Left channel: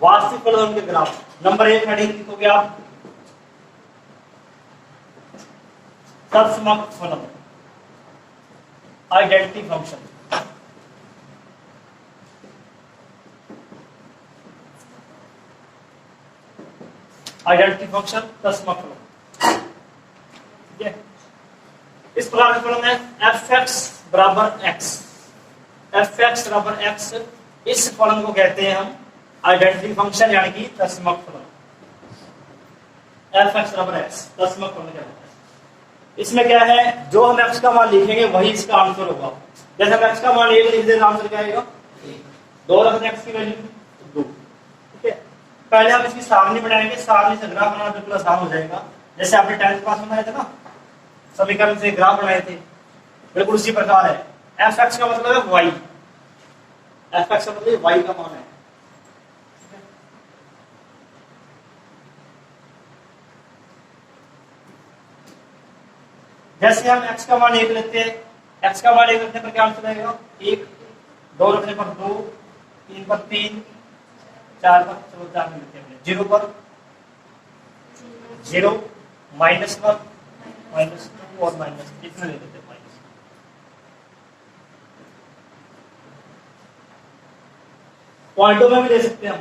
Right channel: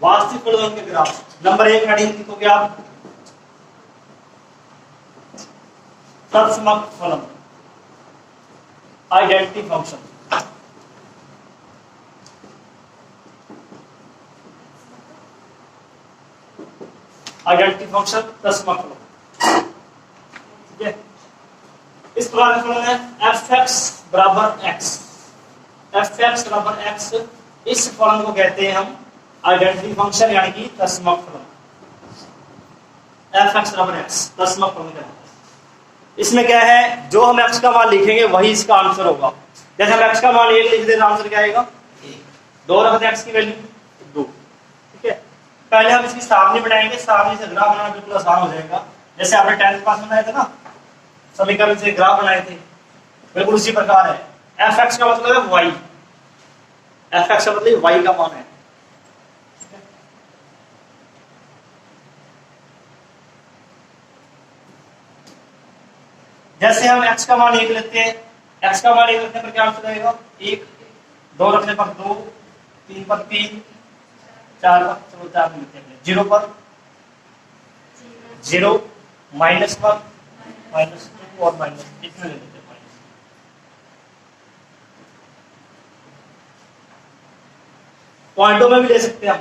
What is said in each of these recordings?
वास्तविक फलन के ग्राफ। नंबर 1 हेडिंग लिखोगे आप तत्समक फलन, आइडेंटिटी फंक्शन। आइडेंटिटी फंक्शन तत्समक फलन, ठीक है। इस प्रकार का फलन है एफ एक्स बराबर एक्स। एफ एक्स बराबर एक्स, इस फलन को कहते हैं हम आइडेंटिटी फंक्शन यानी कि तत्समक फलन। एफ एक्स बराबर एक्स तत्समक फलन कहते हैं। इसमें क्या है, जो हम एक्स का मान लिखेंगे वही इसका आंसर होगा। जैसे हम एक्स का मान 1 लिख दें, आंसर क्या आएगा 2 रख दें एक्स की वैल्यू 2, ठीक है। पहले हम इसकी सारणी बनाएंगे, सारणी से ग्राफ बनाना बिल्कुल आसान हो जाएगा। जैसे आपने 10th क्लास में बनाए थे ना, समीकरण से ग्राफ बनाए थे, बिल्कुल उसी प्रकार है। एफ एक्स का मतलब है वाई, एफ एक्स का मतलब वाई का मान है। जैसे हम x का मान 1 लेते हैं, x का मान 1 रखने पर क्या आंसर आएगा 1, 2 रखने पर 2, 3 पर 3, 4 पर चलो 4 लिखते हैं, 0 पर 0, -1, -2 और माइनस इतने ले लेते हैं माइनस। पॉइंटों में भी ले सकते हैं हम।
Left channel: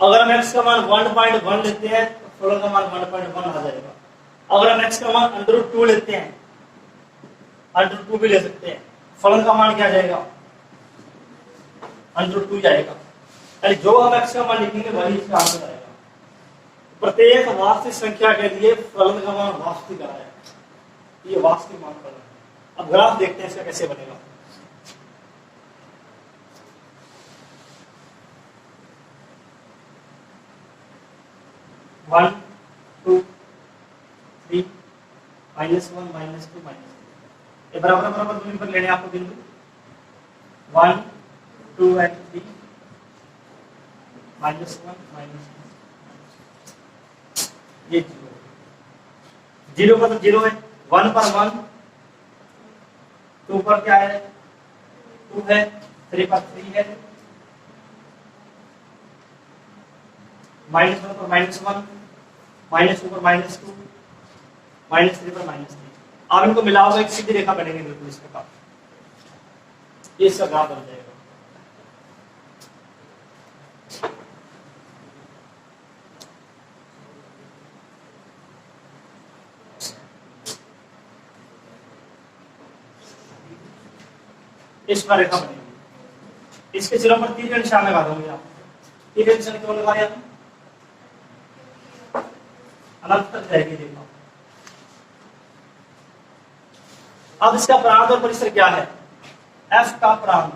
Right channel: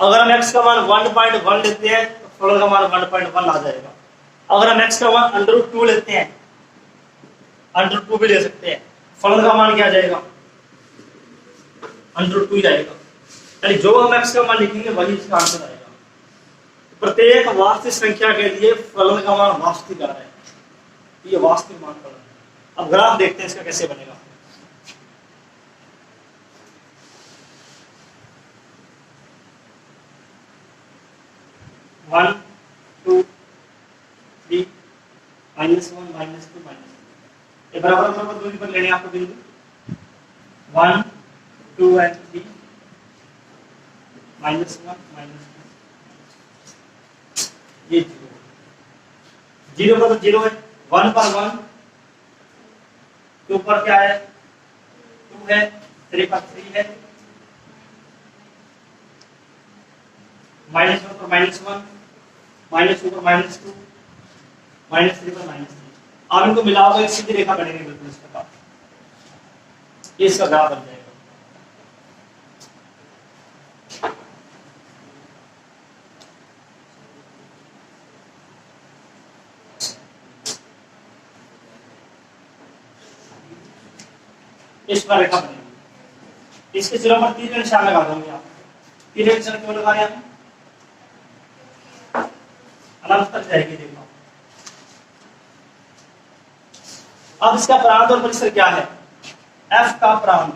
अगर हम x का मान 1.1 लेते हैं तो फलन का मान 1.1 आ जाएगा। अगर हम x का मान √2 लेते हैं, √2 भी ले सकते हैं, फलन का मान क्या आ जाएगा √2 जाएगा। यानी जो हम x का मान लिखेंगे वही इसका आंसर आएगा। प्रत्येक वास्तविक संख्या के लिए फलन का मान वास्तविक आ रहा है, ये वास्तविक मान फलन है। अब ग्राफ देखते हैं इसका कैसे बनेगा। वन टू थ्री -1 -2 -2 ये बराबर बराबर दूरी पर लेने आपको बिंदु 1 2 और 3 -1 -2 ये 0 पर 0 है, 1 पर 1, 2 पर क्या है 2 है, 3 पर 3 है, -1 पर -1, -2 पर -2, -3 पर -3। आप इनको मिलाओगे एक सीधी रेखा बनेगी बिल्कुल इस प्रकार, ये इसका ग्राफ बन जाएगा। इस पर रेखा बनेगी, इसके सिरों पर 3 निशान लगा दोगे आप। 3 निशान क्यों लगा रहे हैं? अनंत तक जाएगी रेखा। अब इसका प्रांत और परिसर क्या है? f का प्रांत,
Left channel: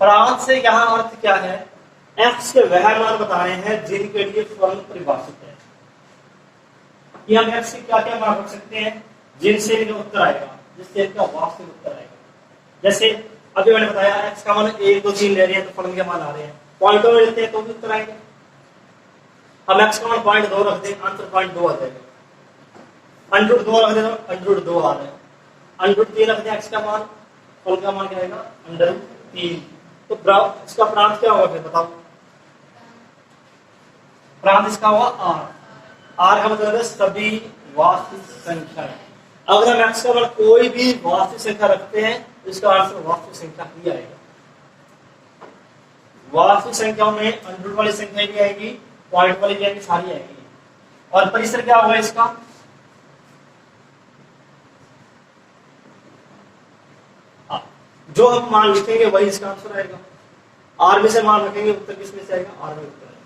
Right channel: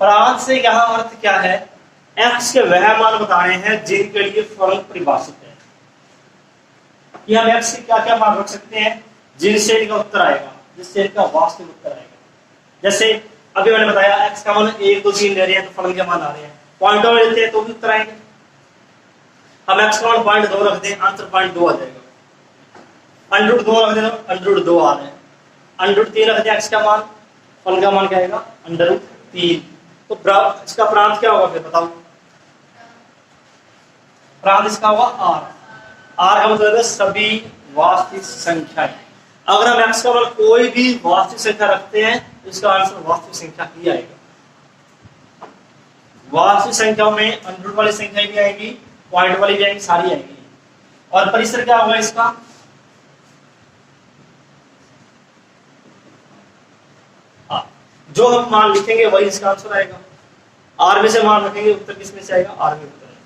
प्रांत से यहां अर्थ क्या है, x के वह मान बताने हैं जिनके लिए फलन परिभाषित है। कि हम x से क्या क्या मान रख सकते हैं जिनसे इनका उत्तर आएगा, जिससे इनका वास्तविक उत्तर आएगा। जैसे अभी मैंने बताया x का मान 1 2 3 ले रहे हैं तो फलन के मान आ रहे हैं, पॉइंटों में लेते हैं तो भी उत्तर आएंगे। हम x का मान 0.2 रख दें, आंसर 0.2 आ जाएगा। √2 रख दें तो √2 आ रहा है, √3 रख दें x का मान, फलन का मान क्या आएगा √3। तो इसका प्रांत क्या होगा फिर बताओ? प्रांत इसका होगा r का मतलब है सभी वास्तविक संख्याएं। अगर हम x का मान कोई भी वास्तविक संख्या रखते हैं तो इसका आंसर वास्तविक संख्या ही आएगा। वास्तविक संख्याओं में √ वाली संख्या भी आएगी, पॉइंट वाली भी आएगी, सारी आएगी। और परिसर क्या होगा इसका? जो हम मान लिखेंगे वही इसका आंसर आएगा। r में से मान रखेंगे, उत्तर किसमें से आएगा? r में उत्तर आएगा।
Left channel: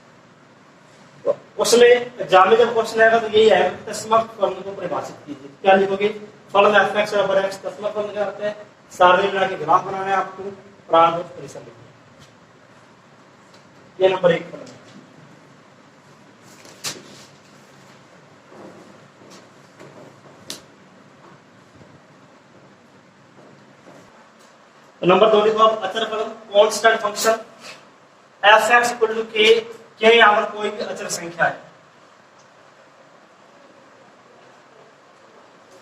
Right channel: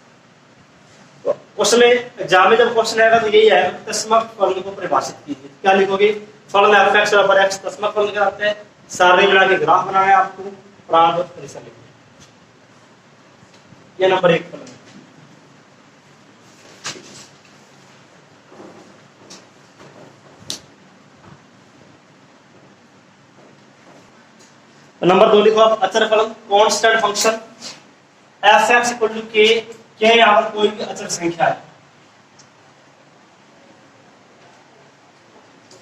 तो क्वेश्चन एग्जाम में जब क्वेश्चन आएगा तो यही है, तस्मक फलन को परिभाषित कीजिए। क्या लिखोगे? फलन f x बराबर x, तस्मक फलन क्या होता है? सारणी बना के ग्राफ बनाना है आपको, प्रांत और परिसर लिखना है। ये नंबर 1 फलन है। नंबर 2 लिखो आप अचर फलन, constant function f x equal to k, क्या यहाँ पर कोई भी अचर संख्या है,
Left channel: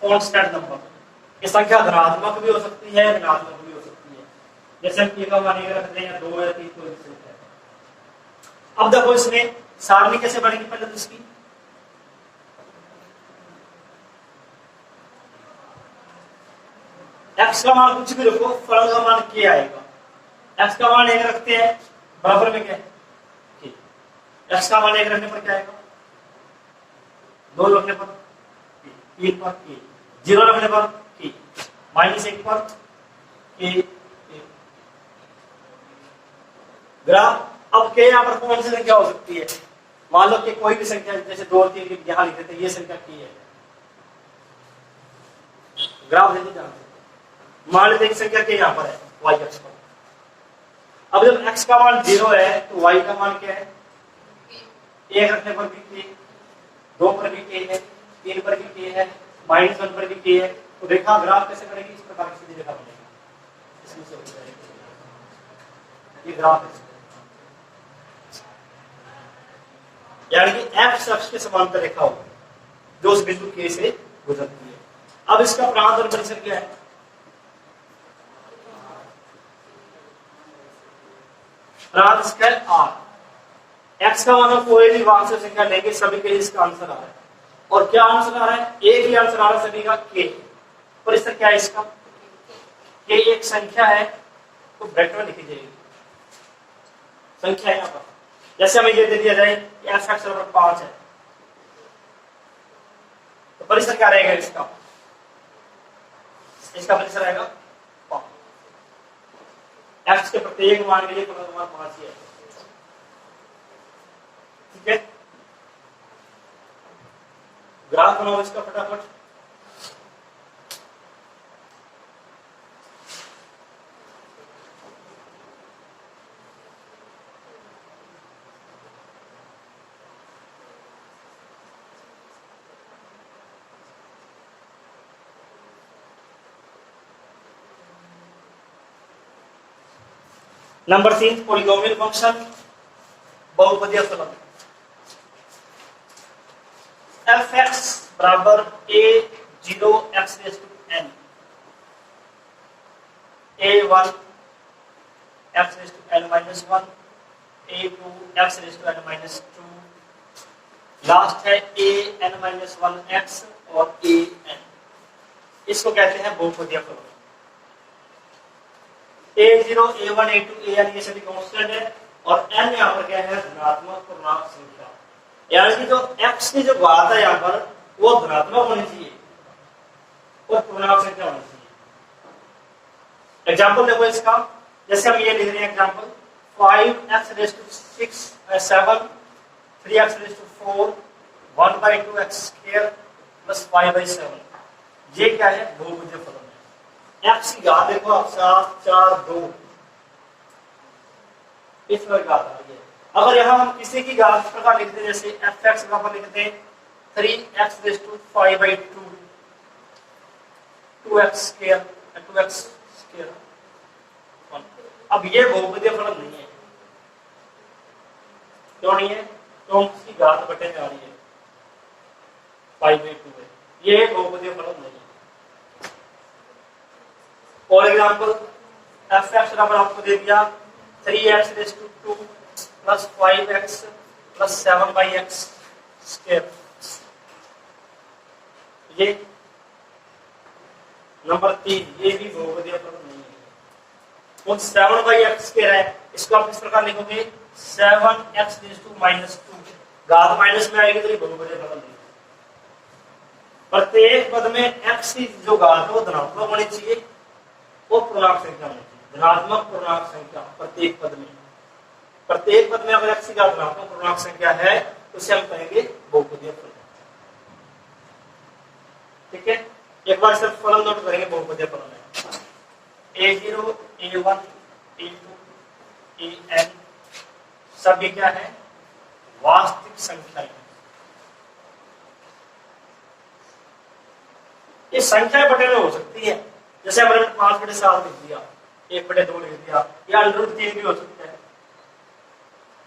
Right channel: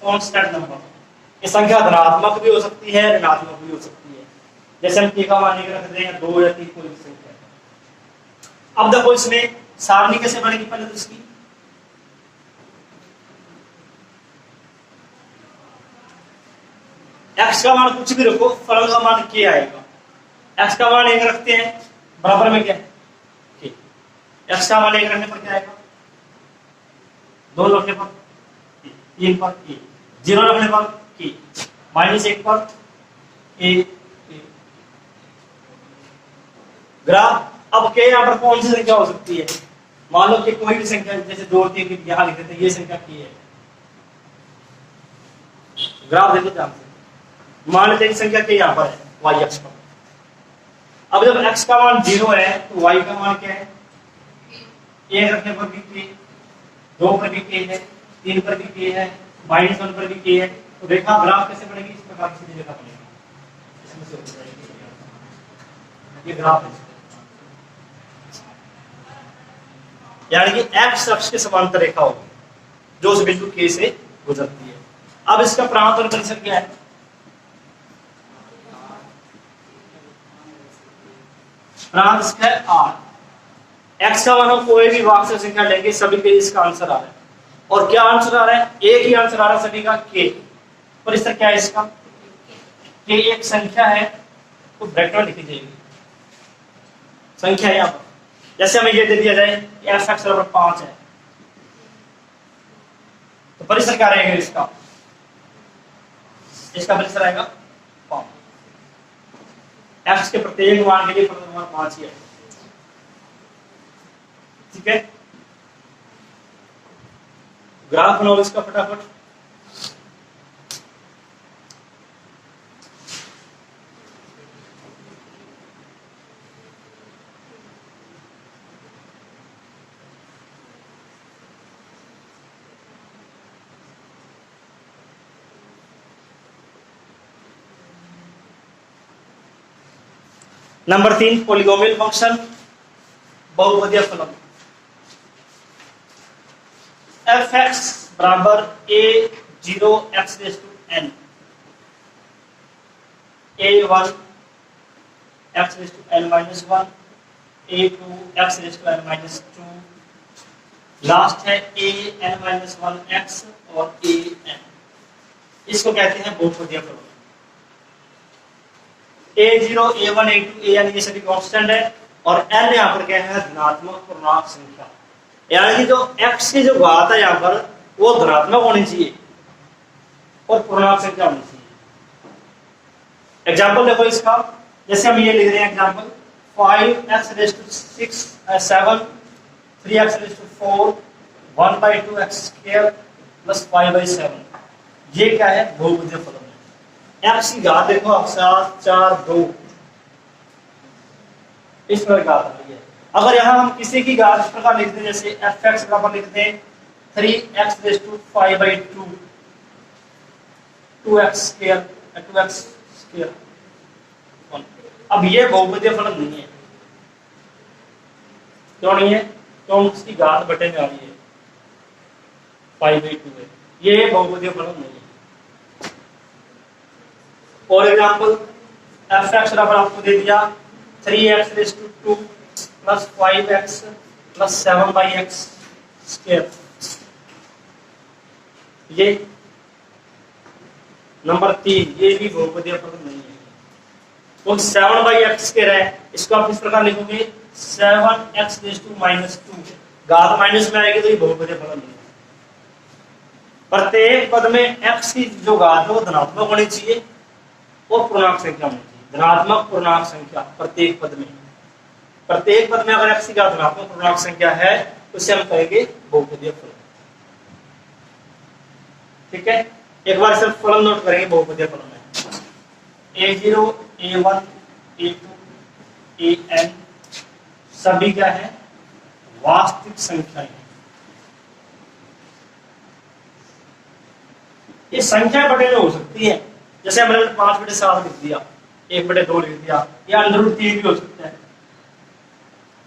कांस्टेंट नंबर। ये संख्या धनात्मक भी हो सकती है, ऋणात्मक भी हो सकती है। जैसे हम k का मान 1 रख दें, 2 या 3 कोई भी संख्या है। अब देखो इसमें सारणी कैसे बनेगी पहले तो इसकी, x का मान कुछ भी रखो, फलन का मान k आएगा। x का मान 1 रखते हैं, बराबर में क्या है k। x का मान 1 रखने पर क्या आएगा, 2 रखने पर k, 1 पर k, 0 रखने पर k, -1 पर k। ग्राफ अब k यहाँ पर कौन सी संख्या हो सकती है, मान लो कि कोई भी संख्या, जैसे 2 और 3 यहाँ लिख देते हैं, ये संख्या k है। ग्राफ देखो ध्यान से, मान लेते हैं संख्या k यहाँ पर है y अक्ष पर। अब जब x का मान 0 है तो y का मान क्या है, 1 रखने पर भी k, 2 पर भी k है, 3 पर भी k है, -1 पर भी k है। तो रेखा ग्राफ कैसे बनेगी, इस प्रकार की सीधी रेखा बनेगी, इसमें से हो जाएगी ये ग्राफ है, यानी कि x अक्ष के समांतर रेखा होगी जो उस बिंदु k से गुजरती है। अब इसका प्रांत और परिसर क्या है, प्रांत इसका है r। x का मान कोई भी वास्तविक संख्या लेंगे, सभी के लिए इसका आंसर आ रहा है। और क्या आंसर आ रहा है, एक ही आंसर आ रहा है सभी का, k। परिसर क्या है इसका, k एक संख्या है, तो ब्रैकेट में लिखी जाएगी संख्या है यहाँ पर। जैसे हमें ये दे दिया जाए f(x) बराबर 5 है, तो परिसर क्या रहेगा इसका, इसका परिसर आएगा 5। x के प्रत्येक मान के लिए फलन मान 5 ही है, ठीक है। ग्राफ बनाओ इसका फटाफट। नंबर 3 पॉलीनोमियल फंक्शन, बहुपदीय फलन। f(x) बराबर a0 x raise to n, a1 x raise to n minus 1, a2 x raise to n minus 2, last है an माइनस 1x और an। इसको कहते हैं बहुपदीय फलन। a0, a1, a2, an ये सभी कांस्टेंट है, और n यहाँ पर क्या है, धनात्मक पूर्णांक संख्या। यानी कि जो x की जो घात है यहाँ पर वो धनात्मक होनी चाहिए और पूर्णांक संख्या होनी चाहिए। एग्जाम्पल देखो इसका, जैसे हम ये लिख रहे हैं example 5x raise to 6 7 3x raise to 4 1/2x square plus 5/7। ये क्या है, बहुपदीय फलन है। x की घात देखो 7 4 2, इस प्रकार घात आ रही है। अगर यहाँ हम किसी की घात इस प्रकार लिखते हैं, जैसे f(x) बराबर लिखते हैं 3x raise to 5/2 2x square 2x square. अब ये बहुपदीय फलन नहीं है, क्यों नहीं है, तो उसकी घात बटे में आ रही है 5/2 है, ये बहुपदीय फलन नहीं है। और एग्जाम्पल f(x) बराबर आपको दे दिया 3x raise to 2 plus 5x plus 7/x square. ये नंबर 3, ये भी बहुपदीय फलन नहीं है। तो 7/x स्क्वायर है, इसको आप इस प्रकार लिखोगे 7x रेज़ टू -2, घात माइनस में आएगी तो ये बहुपदीय फलन नहीं है। प्रत्येक पद में x की जो घात है वो धनात्मक होनी चाहिए, वो पूर्णांक संख्या होनी चाहिए, धनात्मक पूर्णांक संख्या प्रत्येक पद में। प्रत्येक पद में अगर x की घात धनात्मक पूर्णांक संख्या है तो उसे हम कहेंगे बहुपदीय फलन, ठीक है। एक बार सिर्फ फलन नोट करेंगे बहुपदीय फलन में a0 a1 a2 an सभी क्या है, वास्तविक संख्याएं। ये संख्या बटे में हो सकती है, जैसे हमने 5/7 लिख दिया, 1/2 लिख दिया, या √3 भी हो सकता है,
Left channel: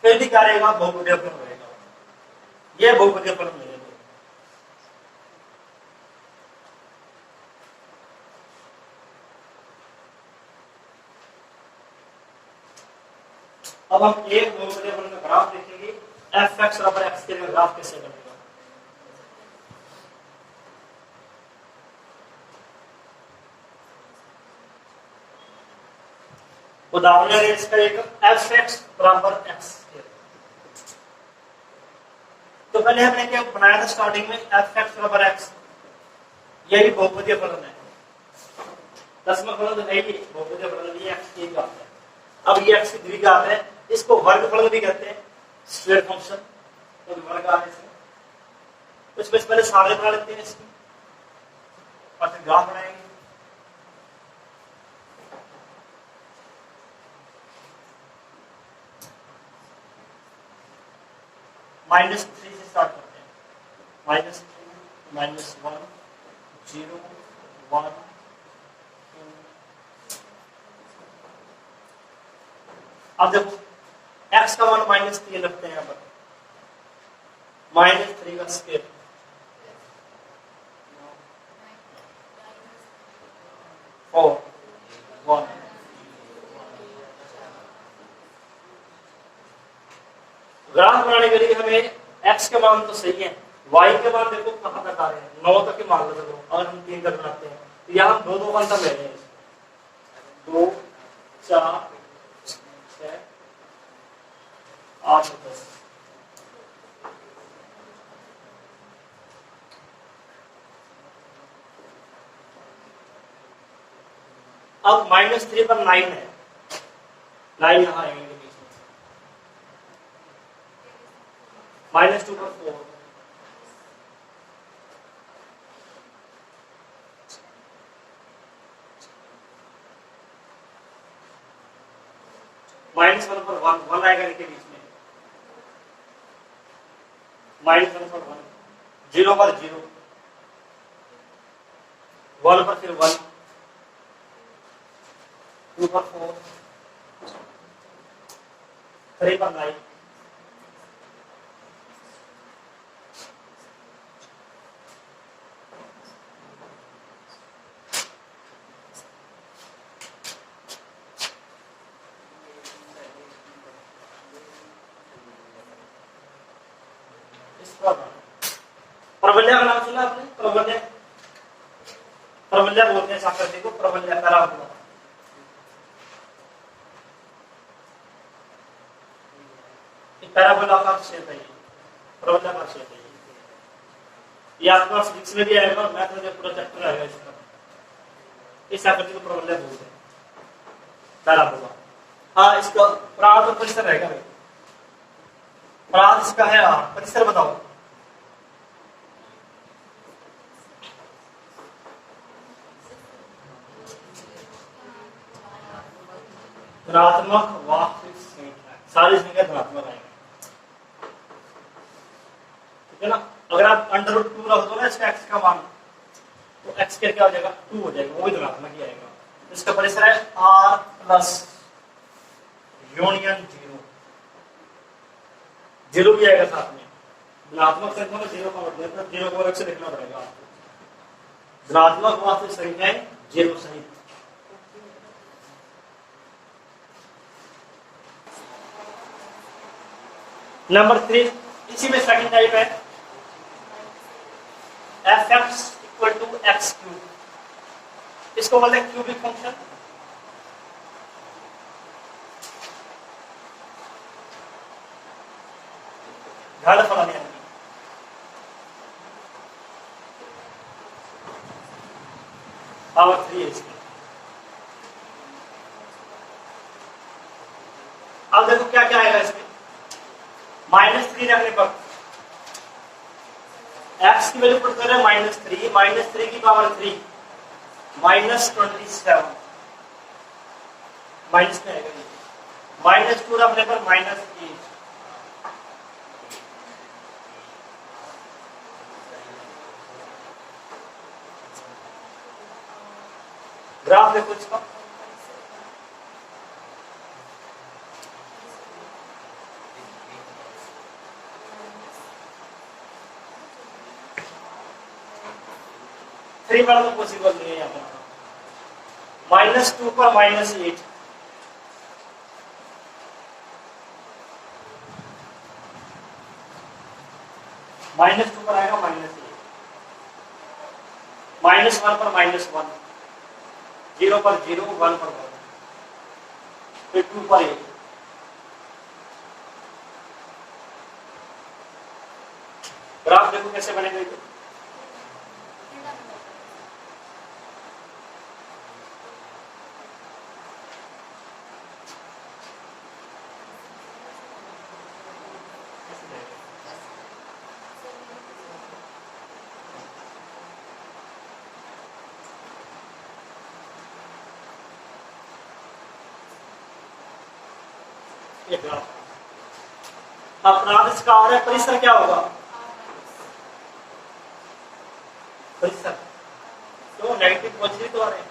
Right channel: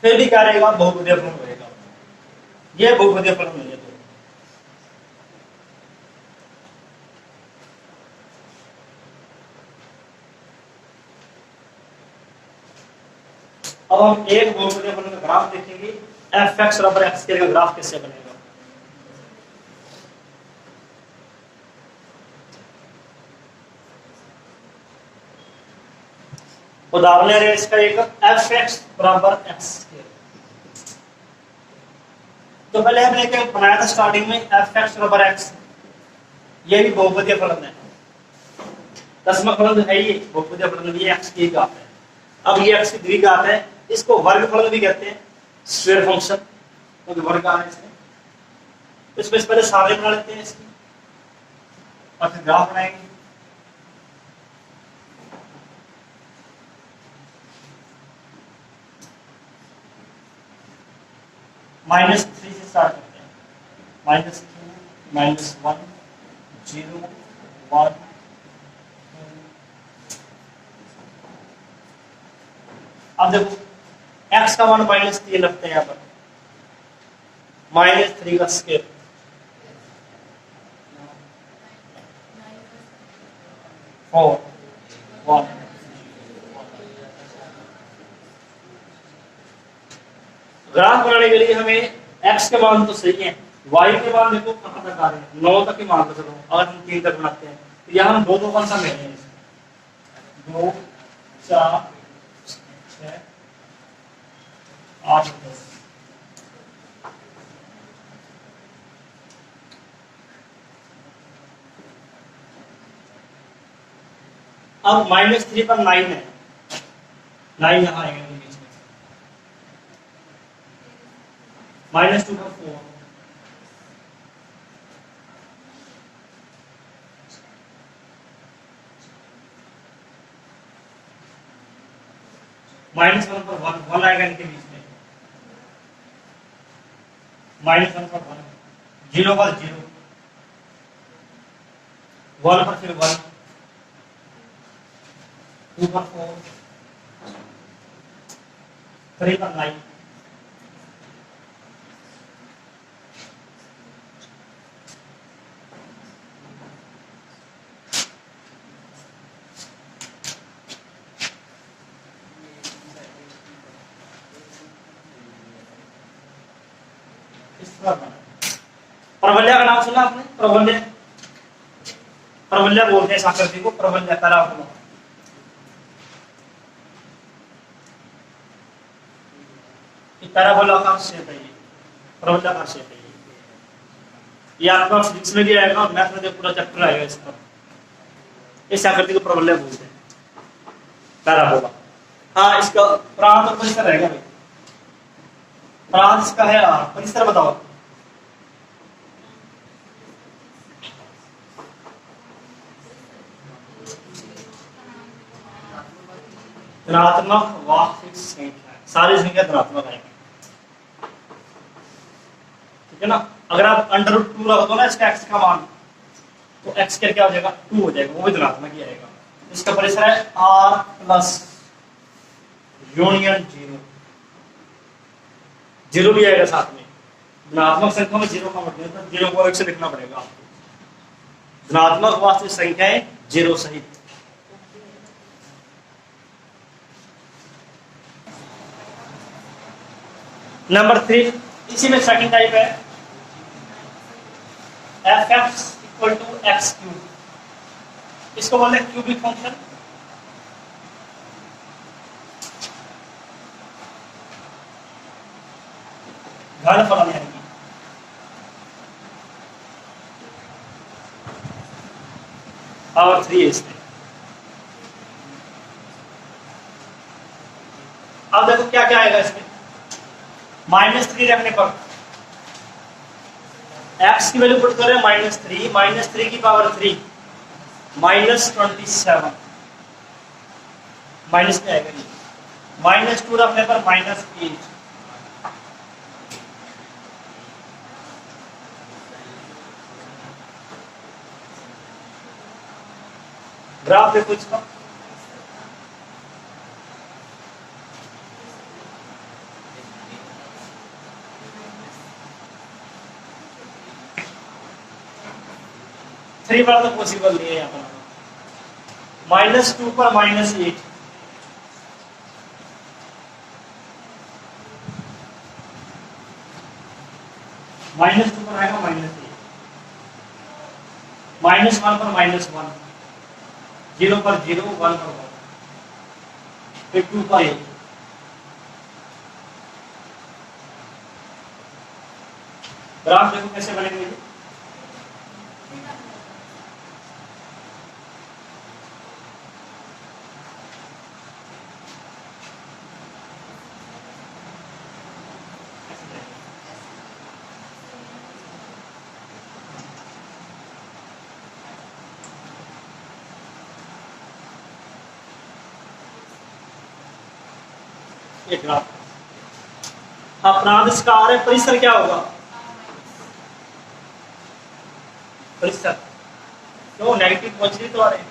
फिर भी क्या रहेगा, बहुपदीय फलन रहेगा। ये बहुपदीय फलन नहीं है। अब हम एक बहुपदीय फलन का ग्राफ देखेंगे, एफ एक्स बराबर एक्स स्क्वायर का ग्राफ कैसे बनेगा। उदाहरण ले रहे हैं इसका एक, एफ एक्स बराबर एक्स स्क्वायर। तो पहले हमने क्या बनाया था स्टार्टिंग में, एफ एक्स बराबर एक्स, ये भी बहुपदीय फलन है, दशमक फलन है, ये बहुपदीय फलन भी एक्स की घात है। अब ये एक्स की द्विघात है, इसको वर्ग फलन भी कहते हैं, स्क्वायर फंक्शन, क्योंकि वर्ग आ रहा है इसमें। तो इसको पहले सामने बना लेते हैं इसकी, और फिर ग्राफ बनाएंगे। -3 से स्टार्ट करते हैं, -2 -1 0 1 2। अब देखो x का मान -3 रखते हैं यहाँ पर, -3 का स्क्वायर, ग्राफ बनाने के लिए हमें x के मान तो सही है, y के मान देखो कहां तक आ रहे हैं, 9 तक ही मान लो चलो, अगर हम 3 तक बनाते हैं तो यहाँ हम 2 कौन सा ले रहे हैं, 2 4 6 8 10। अब -3 पर 9 है, 9 यहाँ आएगा बीच में, -2 पर 4, -1 पर 1 आएगा इनके बीच में, -1 पर 1, 0 पर 0, 1 पर फिर 1, 2 पर 4, 3 पर 9, प्रबल्य का नाम सुना आपने, प्रबल्य, प्रबल्य बोलते हैं आकृति को, प्रबल्य पैराबोला। पैराबोला का शेप है ये, प्रबल्य का शेप है ये आपका फिजिक्स में भी आएगा और मैथ में पूरा चैप्टर आएगा इस पर, इस आकृति को प्रबल्य बोलते हैं, पैराबोला। हाँ, इसका प्रांत और परिसर रहेगा भाई, प्रांत इसका है आर, परिसर बताओ। धनात्मक वास्तविक संख्या, सारी संख्या धनात्मक आएगी, ठीक है ना। अगर आप √2 रख दो ना इसका x का मान, तो x क्या हो जाएगा, 2 हो जाएगा, वो भी धनात्मक ही आएगा। इसका परिसर है r प्लस यूनियन 0, 0 भी आएगा साथ में, धनात्मक संख्या में 0 का मतलब तो 0 को 1 से लिखना पड़ेगा आपको, धनात्मक वास्तविक संख्याएं 0 सहित। नंबर 3, इसी में सेकंड टाइप है, F X equal to X cube, इसको बोलते हैं क्यूबिक फंक्शन। घन फलन यानी कि पावर 3 है इसमें। अब देखो क्या क्या आएगा इसमें, -3 रखने पर x की वैल्यू पुट करें -3, -3 की पावर 3 -27, माइनस में आएगा नहीं, -2 रखने पर -8, ग्राफ देखो इसका, थ्री वाला तो पॉसिबल नहीं है यहाँ पर, -2 पर -8, -2 पर आएगा -1, -1 पर -1, 0 पर 0, 1 पर 1, फिर 2 पर 1। ग्राफ देखो कैसे बनेगा ये। ये ग्राफ अपराध शिकार है, परिसर क्या होगा? परिसर क्यों नेगेटिव पॉजिटिव तो आ रहे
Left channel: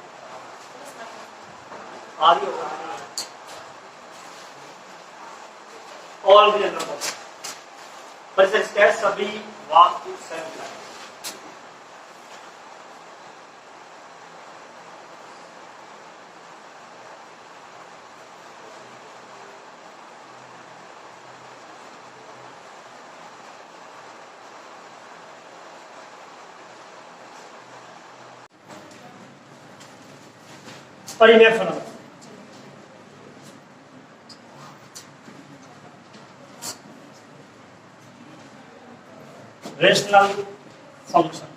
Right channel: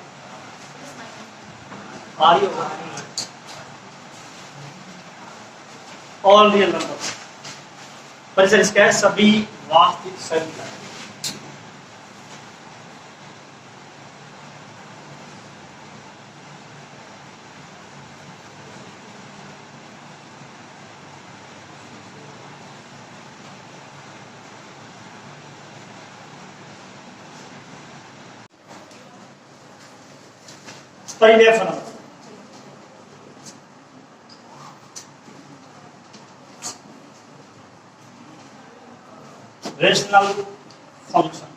आ रही होगा। ऑल रियल नंबर परिसर इसका है सभी वास्तविक संख्या। परिमेय फलन रेशनल फंक्शन।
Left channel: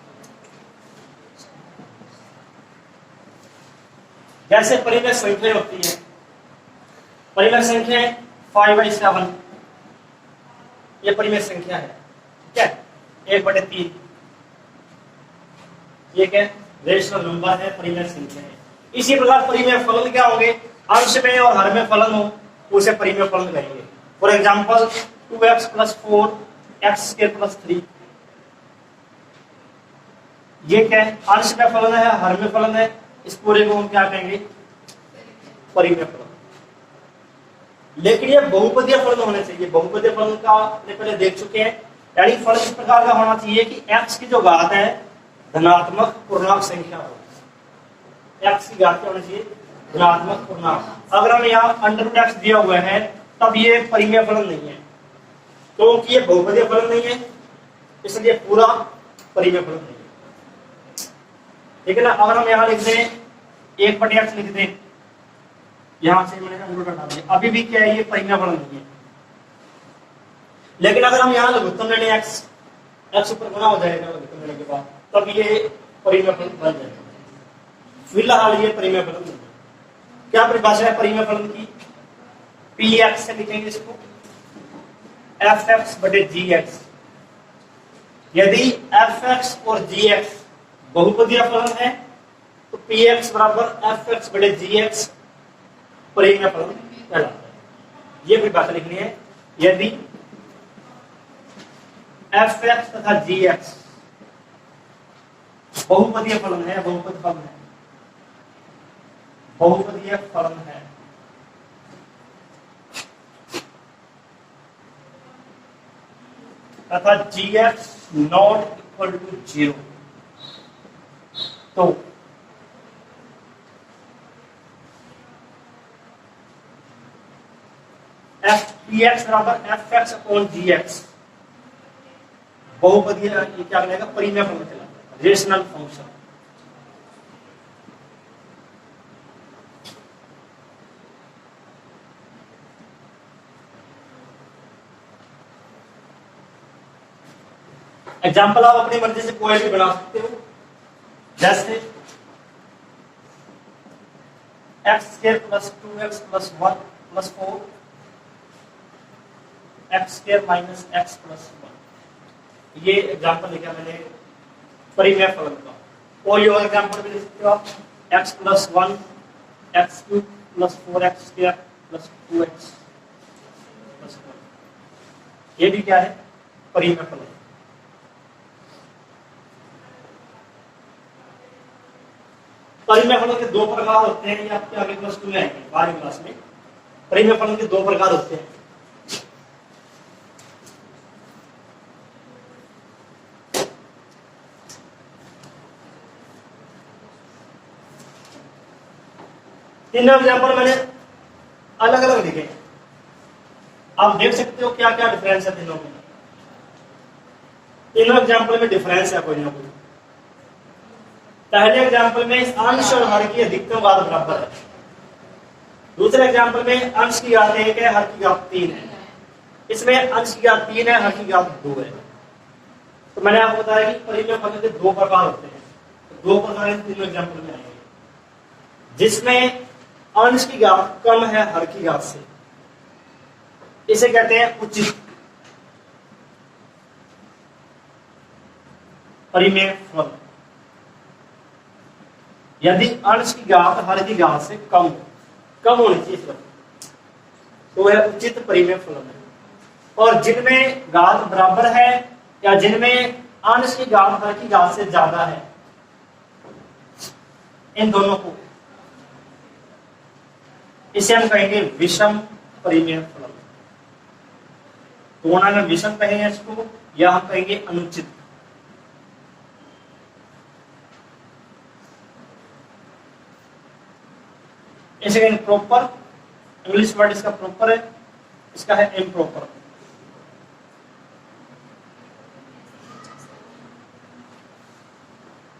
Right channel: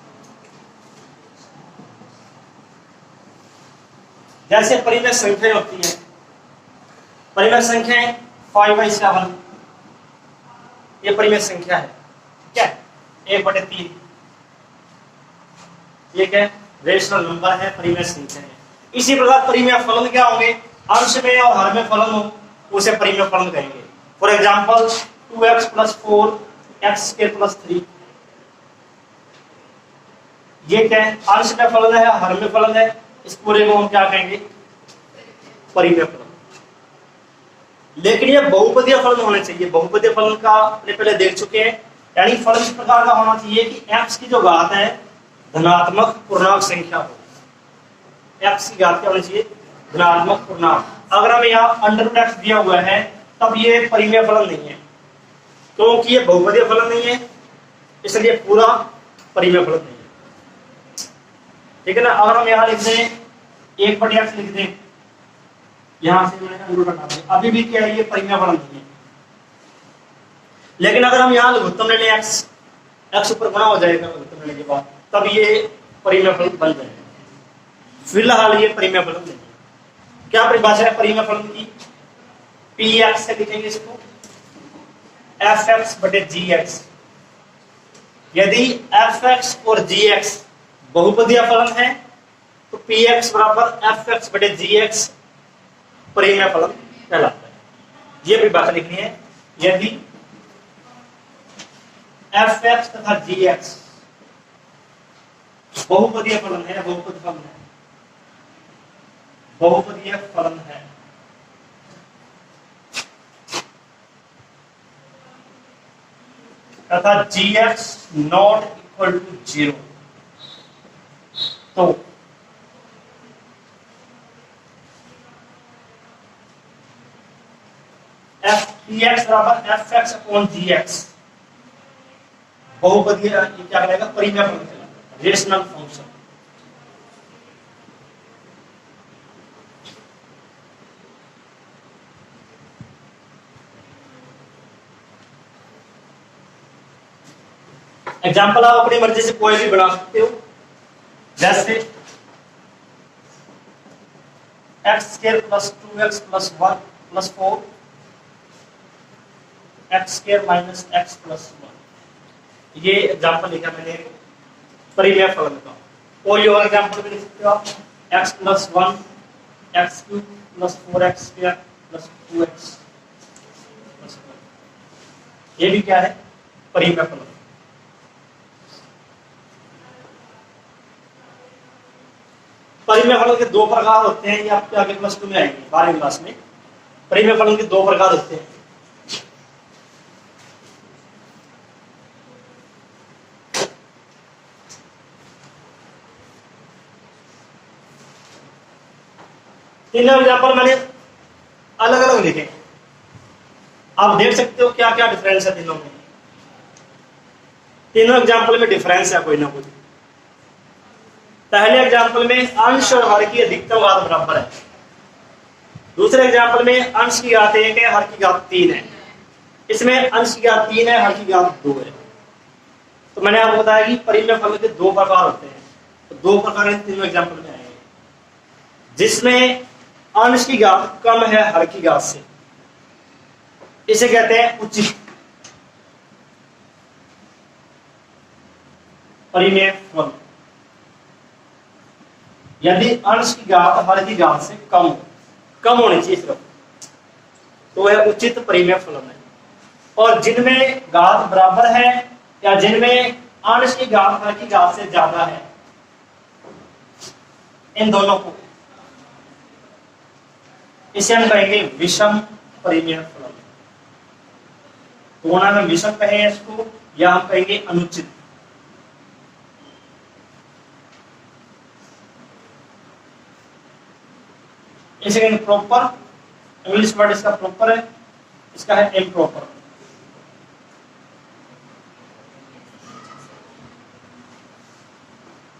जैसे परिमेय संख्या होती है, परिमेय संख्या 5/7, ये परिमेय संख्या है, क्या है? 1/3। ये क्या है? रेशनल नंबर है, परिमेय संख्या है। इसी प्रकार परिमेय फलन क्या होंगे? अंश में और हर में फलन हो उसे परिमेय फलन कहेंगे। फॉर एग्जाम्पल 2x + 4 x² + 3, ये क्या है? अंश में फलन है, हर में फलन है, इस पूरे को हम क्या कहेंगे? परिमेय फलन। लेकिन ये बहुपदीय फलन होने चाहिए। बहुपदीय फलन का अपने पहले देख चुके हैं, यानी फलन इस प्रकार का होना चाहिए कि x की जो घात है धनात्मक पूर्णांक संख्या हो। x की घात क्या होनी चाहिए? धनात्मक पूर्णांक। अगर हमें यहाँ √x दिया हुआ है तब ये परिमेय फलन नहीं है, क्योंकि ये बहुपदीय फलन नहीं है, इसलिए पूरा परिमेय फलन नहीं है। ठीक है ना? अगर हम यहाँ लिख दें 1/x लिख दें, यहां से मैंने अंडर हटा दिया, अभी भी क्या है? ये परिमेय फलन नहीं है। लेकिन अगर हम यहाँ लघुत्तम ले लें x ऊपर गुणा हो जाएगा लघुत्तम लेने के बाद, तब ये परिमेय फलन बन जाएगा। फिलहाल ये परिमेय फलन नहीं है। क्या परिभाषा है परिमेय फलन की? px से लिखेंगे इसको fx/gx। यदि fx और gx बहुपदीय फलन है तो px = fx/gx परिमेय फलन कहलाता है। ये परिभाषा लिखनी है। यदि fx तथा gx बहुपदीय फलन है, बहुपद फलन है, बहुपदीय फलन है, तथा gx ≠ 0, तो px = fx/gx बहुपदीय क्या कहलाएगा? परिमेय फलन कहलाएगा, रेशनल फंक्शन। एग्जाम्पल आप अपनी मर्जी से कोई भी बना सकते हो, जैसे x² + 2x + 1 + 4 x² - x + 1। ये एग्जाम्पल लिखा मैंने परिमेय फलन का। और ये और एग्जाम्पल भी लिख सकते हो आप, x + 1 x³ + 4x² + 2x + 1। ये भी क्या है? परिमेय फलन। परिमेय फलन के दो प्रकार होते हैं, ये आपके आगे +2 में आएंगे, 12वीं क्लास में। परिमेय फलन के दो प्रकार होते हैं। तीनों एग्जाम्पल मैंने अलग अलग लिखे, आप देख सकते हो क्या क्या डिफरेंस है तीनों में। तीनों एग्जाम्पल में डिफरेंस है कोई ना कोई। पहले एग्जाम्पल में अंश और हर की अधिकतम घात बराबर है, दूसरे एग्जाम्पल में अंश की घात 1 है, हर की घात 3 है। इसमें अंश की घात 3 है, हर की घात 2 है। तो मैंने आपको बताया कि परिमेय फलन के दो प्रकार होते हैं, तो दो प्रकार इन तीनों एग्जाम्पल में आएंगे, जिसमें अंश की घात कम है हर की घात से, इसे कहते हैं उचित परिमेय फलन। यदि अंश की घात हर की घात से कम होनी चाहिए सिर्फ, तो वह उचित परिमेय फलन है। और जिनमें घात बराबर है या जिनमें अंश की घात हर की घात से ज्यादा है, इन दोनों को इसे हम कहेंगे विषम परिमेय फलन। तो हम विषम कहें इसको, या हम कहेंगे अनुचित। इसे कहेंगे प्रॉपर, इंग्लिश वर्ड इसका प्रॉपर है, इसका है इम्प्रॉपर।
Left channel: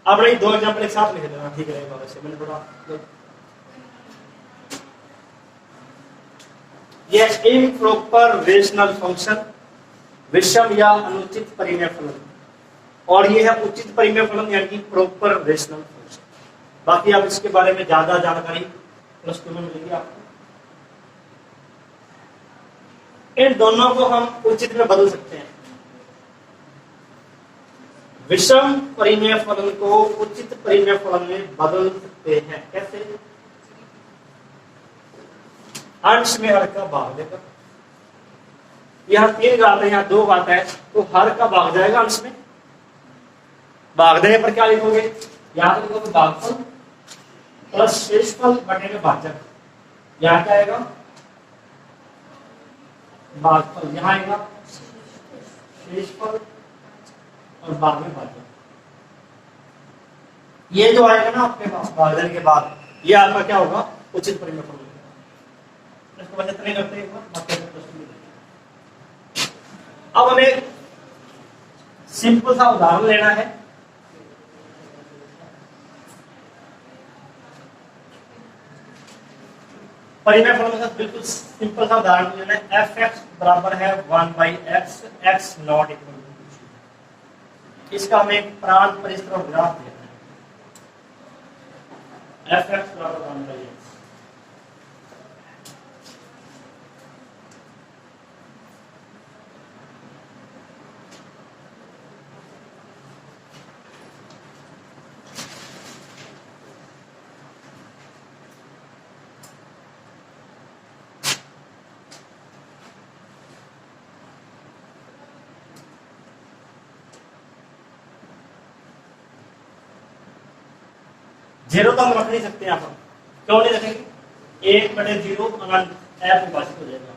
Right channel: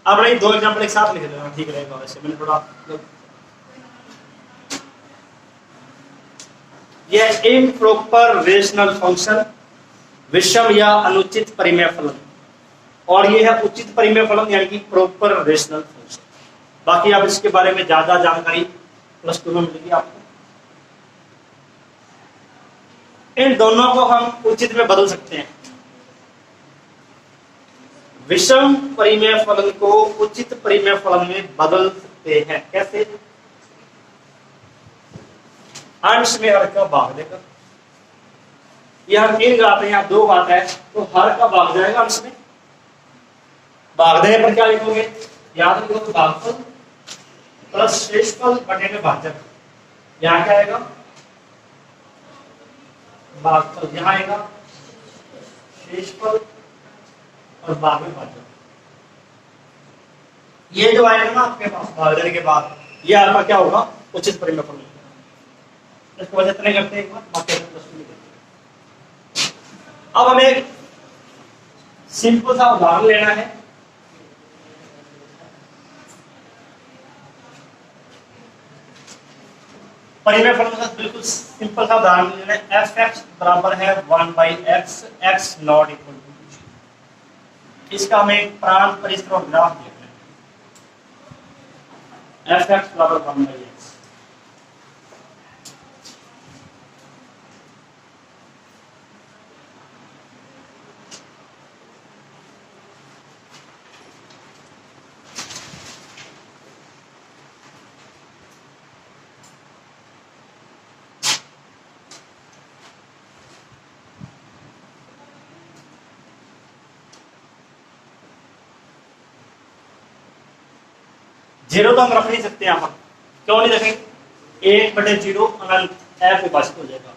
अब नहीं, दो एग्जाम्पल एक साथ लिख लेना, ठीक रहेगा। वैसे मैंने थोड़ा यह इम्प्रॉपर रेशनल फंक्शन, विषम या अनुचित परिमेय फलन, और यह है उचित परिमेय फलन यानी कि प्रॉपर रेशनल फंक्शन। बाकी आप इसके बारे में ज्यादा जानकारी प्लस 2 में मिलेगी आपको। इन दोनों को हम उचित में बदल सकते हैं। विषम परिमेय फलन को उचित परिमेय फलन में बदल सकते हैं। कैसे? अंश में हर का भाग देकर। यह 3 घात है, यहाँ 2 घात है, तो हर का भाग जाएगा अंश में। भाग देने पर क्या लिखोगे? यहाँ तो लिखोगे भागफल प्लस शेषफल बटे में भाजक। यहाँ क्या आएगा? भागफल, यहाँ आएगा शेषफल और भाग में भाजक। ये जो आएगा ना आपके पास भाग देने के बाद, ये आपका क्या होगा? उचित परिमेय फलन। इसको वजह इतने करते हैं, बाकी अब हमें एक सिंपल सा उदाहरण लेना है। परिमेय फलन का बिल्कुल सिंपल सा उदाहरण लेना है। f(x) बराबर है 1/x, x not equal to 2। इसका हमें प्रांत परिसर और ग्राफ लिखना है। f(x) बराबर 1/x। जीरो तो हम रख नहीं सकते यहाँ पर, क्यों नहीं रखेंगे? 1/0 अनंत f विभाजित हो जाएगा।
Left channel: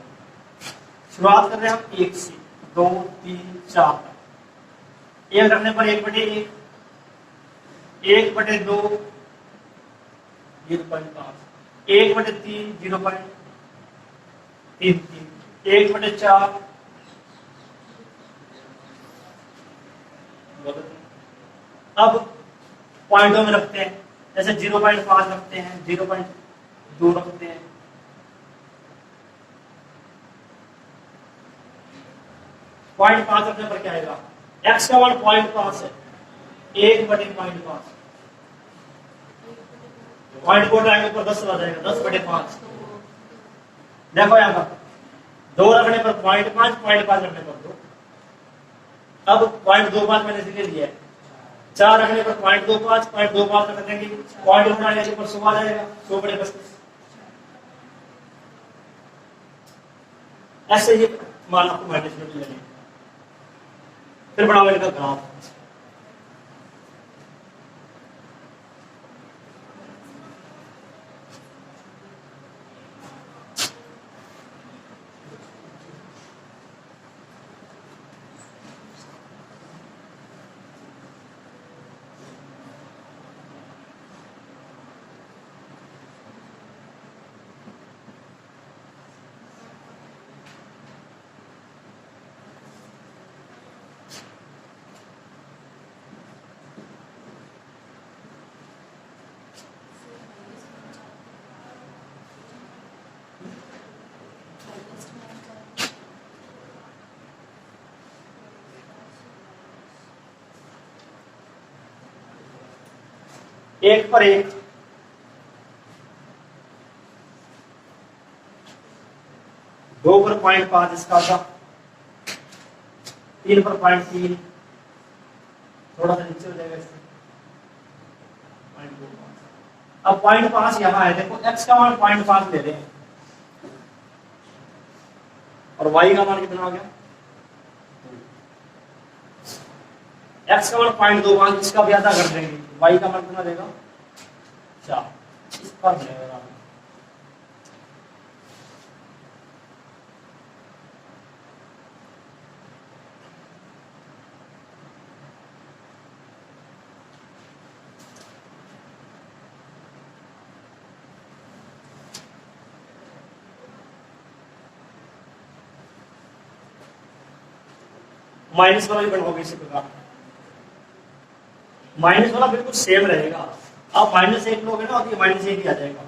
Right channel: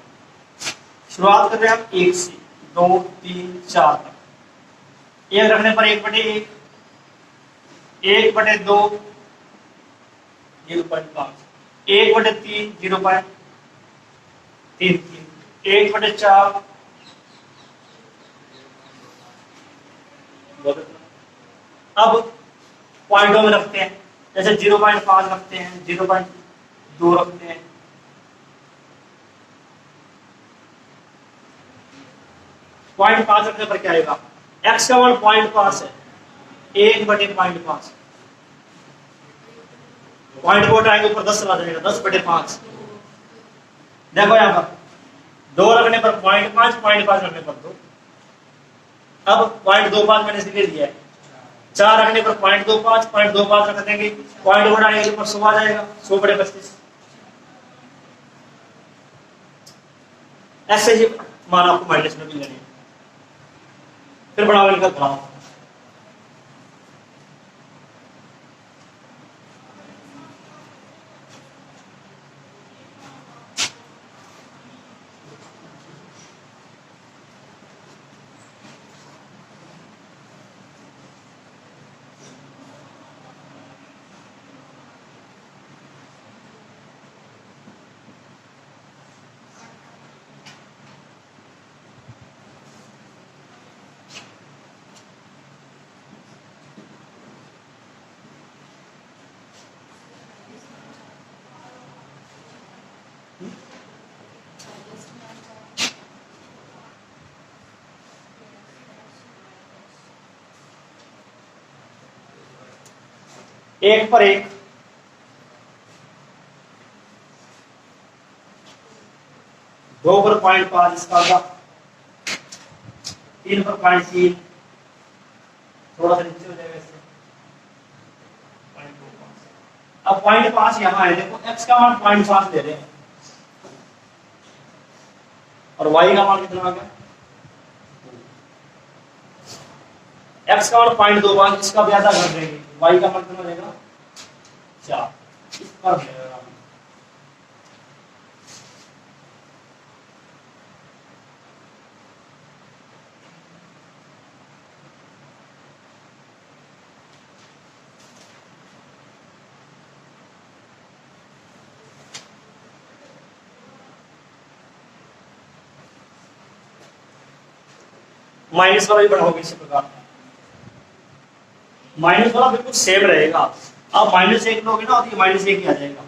शुरुआत कर रहे हैं हम 1 से, 2 3 4 तक। 1 रखने पर 1/1, 1/2 0.5, 1/3 0.33, 1/4। अब पॉइंटों में रखते हैं, जैसे 0.5 रखते हैं, 0.2 रखते हैं। पॉइंट 5 रखने पर क्या आएगा? x का मान 0.5 है, 1/0.5। पॉइंट को उठाएंगे ऊपर 10 चला जाएगा, 10/5। देखो यहाँ पर 2 रखने पर 0.5, 0.5 रखने पर 2। अब 0.25 मैंने लिख दिया है। 4 रखने पर 0.25, 0.25 रख देंगे, पॉइंट बढ़ाएंगे ऊपर 100 आ जाएगा, 100/35। ऐसे ही मान आपको माइनस में भी लेने। फिर बढ़ाओ इनका ग्राफ। एक पर एक, दो पर 0.5 इसका होगा, 3 पर 0.3, थोड़ा सा नीचे हो जाएगा इससे 0.25। अब 0.5 यहां है, देखो x का मान 0.5 ले रहे हैं और y का मान कितना आ गया, x का मान 0.25, इसका भी आधा कर देंगे, y का मान कितना देगा 4, इस पर देगा। माइनस वाला भी बना होगा इसी प्रकार, माइनस वाला बिल्कुल सेम रहेगा। आप -1 लोगे ना और ये -1 ही आ जाएगा।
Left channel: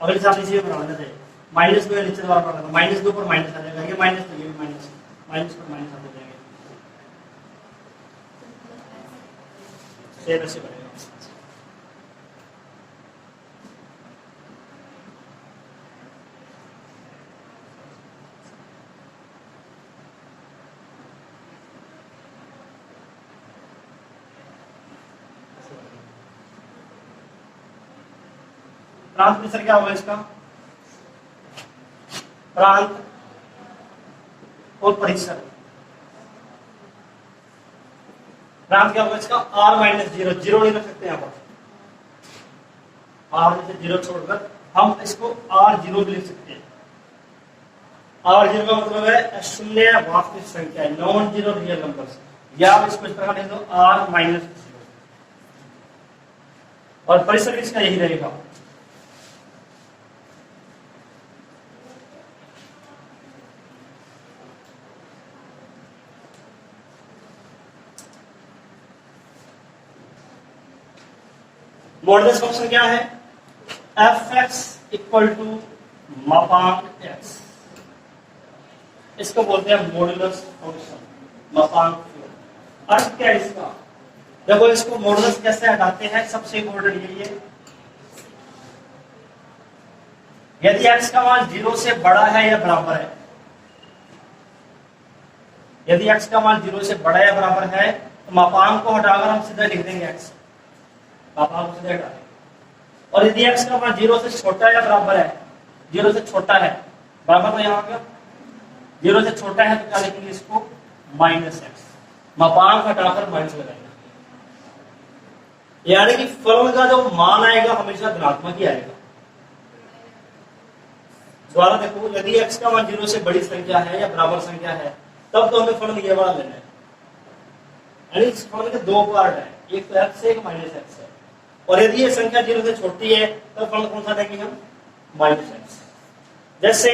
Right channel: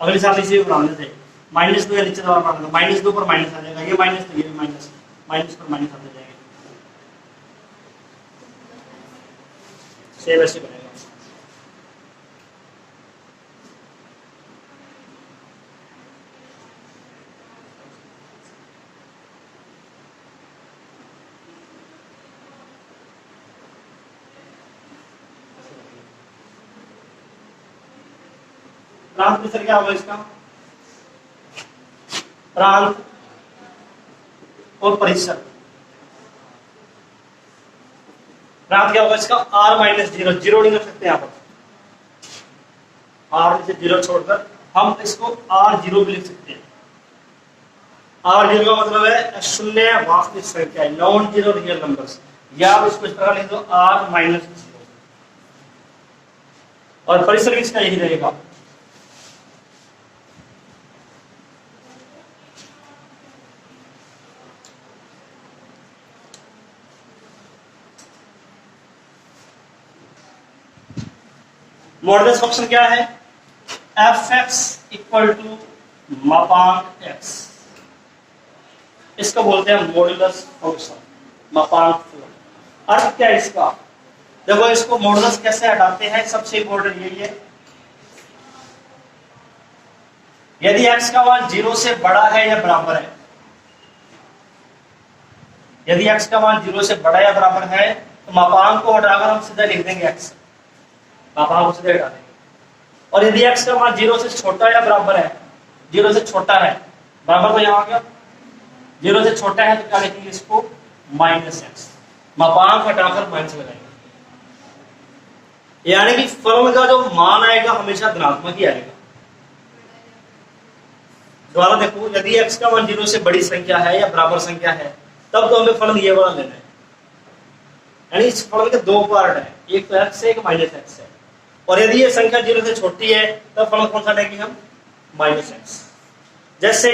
अगले साथ इसे बनाने थे, -2 या नीचे वाला बनाना, -2 पर माइनस आ जाएगा, ये माइनस तो ये भी माइनस, माइनस पर माइनस आते जाएंगे, सेम ऐसे बनेगा। प्रांत मिश्र क्या होगा इसका, प्रांत और परिसर, प्रांत क्या होगा इसका r-0, जीरो नहीं रख सकते यहाँ पर, r से 0 छोड़कर हम इसको r0 भी लिख सकते हैं। r0 का मतलब है अशून्य वास्तविक संख्या, नॉन जीरो रियल नंबर्स, या आप इसको इस तरह लिख दो r-0, और परिसर भी इसका यही रहेगा। मॉडुलस फंक्शन क्या है, f(x) इक्वल टू मापांक x, इसको बोलते हैं मॉडुलस फंक्शन, मापांक। अर्थ क्या है इसका, देखो इसको मॉडुलस कैसे हटाते हैं, सबसे इंपॉर्टेंट यही है, यदि x का मान 0 से बड़ा है या बराबर है, यदि x का मान 0 से बड़ा या बराबर है तो मापांक को हटाकर हम सीधा लिख देंगे x, मापांक को सीधा हटा देंगे। और यदि x का मान 0 से छोटा या बराबर है, 0 से छोटा है, बराबर तो यहाँ आ गया, 0 से छोटा है तो क्या लिखेंगे इसको -x, मापांक हटाकर माइनस लगाएंगे, यानी कि फलन का जो मान आएगा हमेशा धनात्मक ही आएगा। दोबारा देखो, यदि x का मान 0 से बड़ी संख्या है या बराबर संख्या है तब तो हमें फलन ये वाला लेना है, यानी इस फलन के दो पार्ट है, एक तो x है, एक -x है, और यदि ये संख्या 0 से छोटी है तब फलन कौन सा लेंगे हम -x। जैसे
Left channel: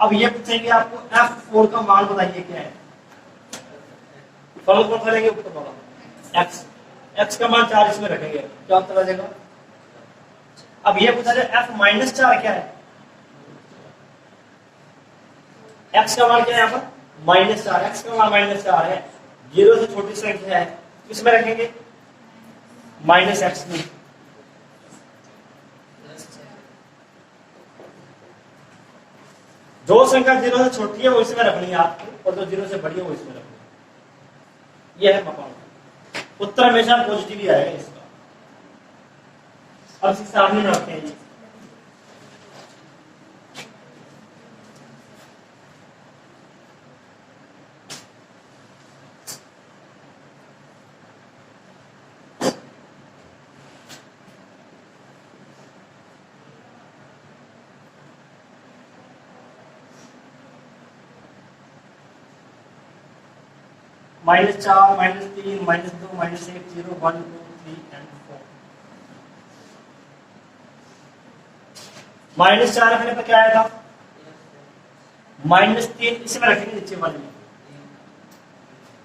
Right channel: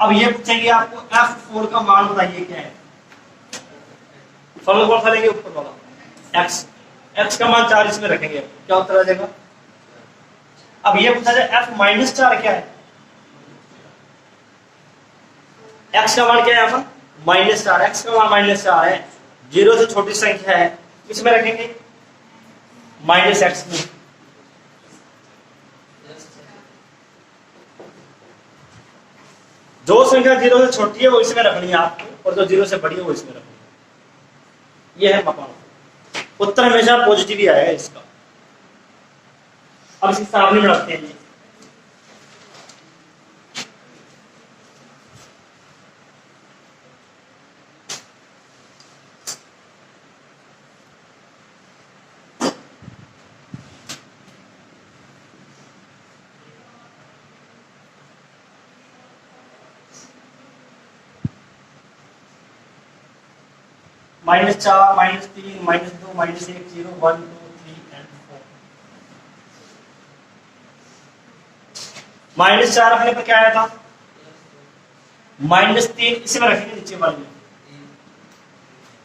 अब ये पूछेंगे आपको f4 का मान बताइए क्या है, फलन कौन सा लेंगे ऊपर वाला x, x का मान 4 इसमें रखेंगे, क्या उत्तर आ जाएगा। अब ये पूछा जाए f-4 क्या है, x का मान क्या है यहाँ पर -4, x का मान -4 है, 0 से छोटी संख्या है, इसमें रखेंगे -x में। जो संख्या 0 से छोटी है वो इसमें रखनी है आपको, और जो 0 से बड़ी है वो इसमें रखनी है, ये है मापांक। उत्तर हमेशा पॉजिटिव ही आएगा इसका। अब इसके सामने बनाते हैं, -4, -3, -2, -1, -2, -1, 0, 1, 2, 3 and 4। -4 रखने पर क्या आया था -3, इसी में रखेंगे नीचे वाले में,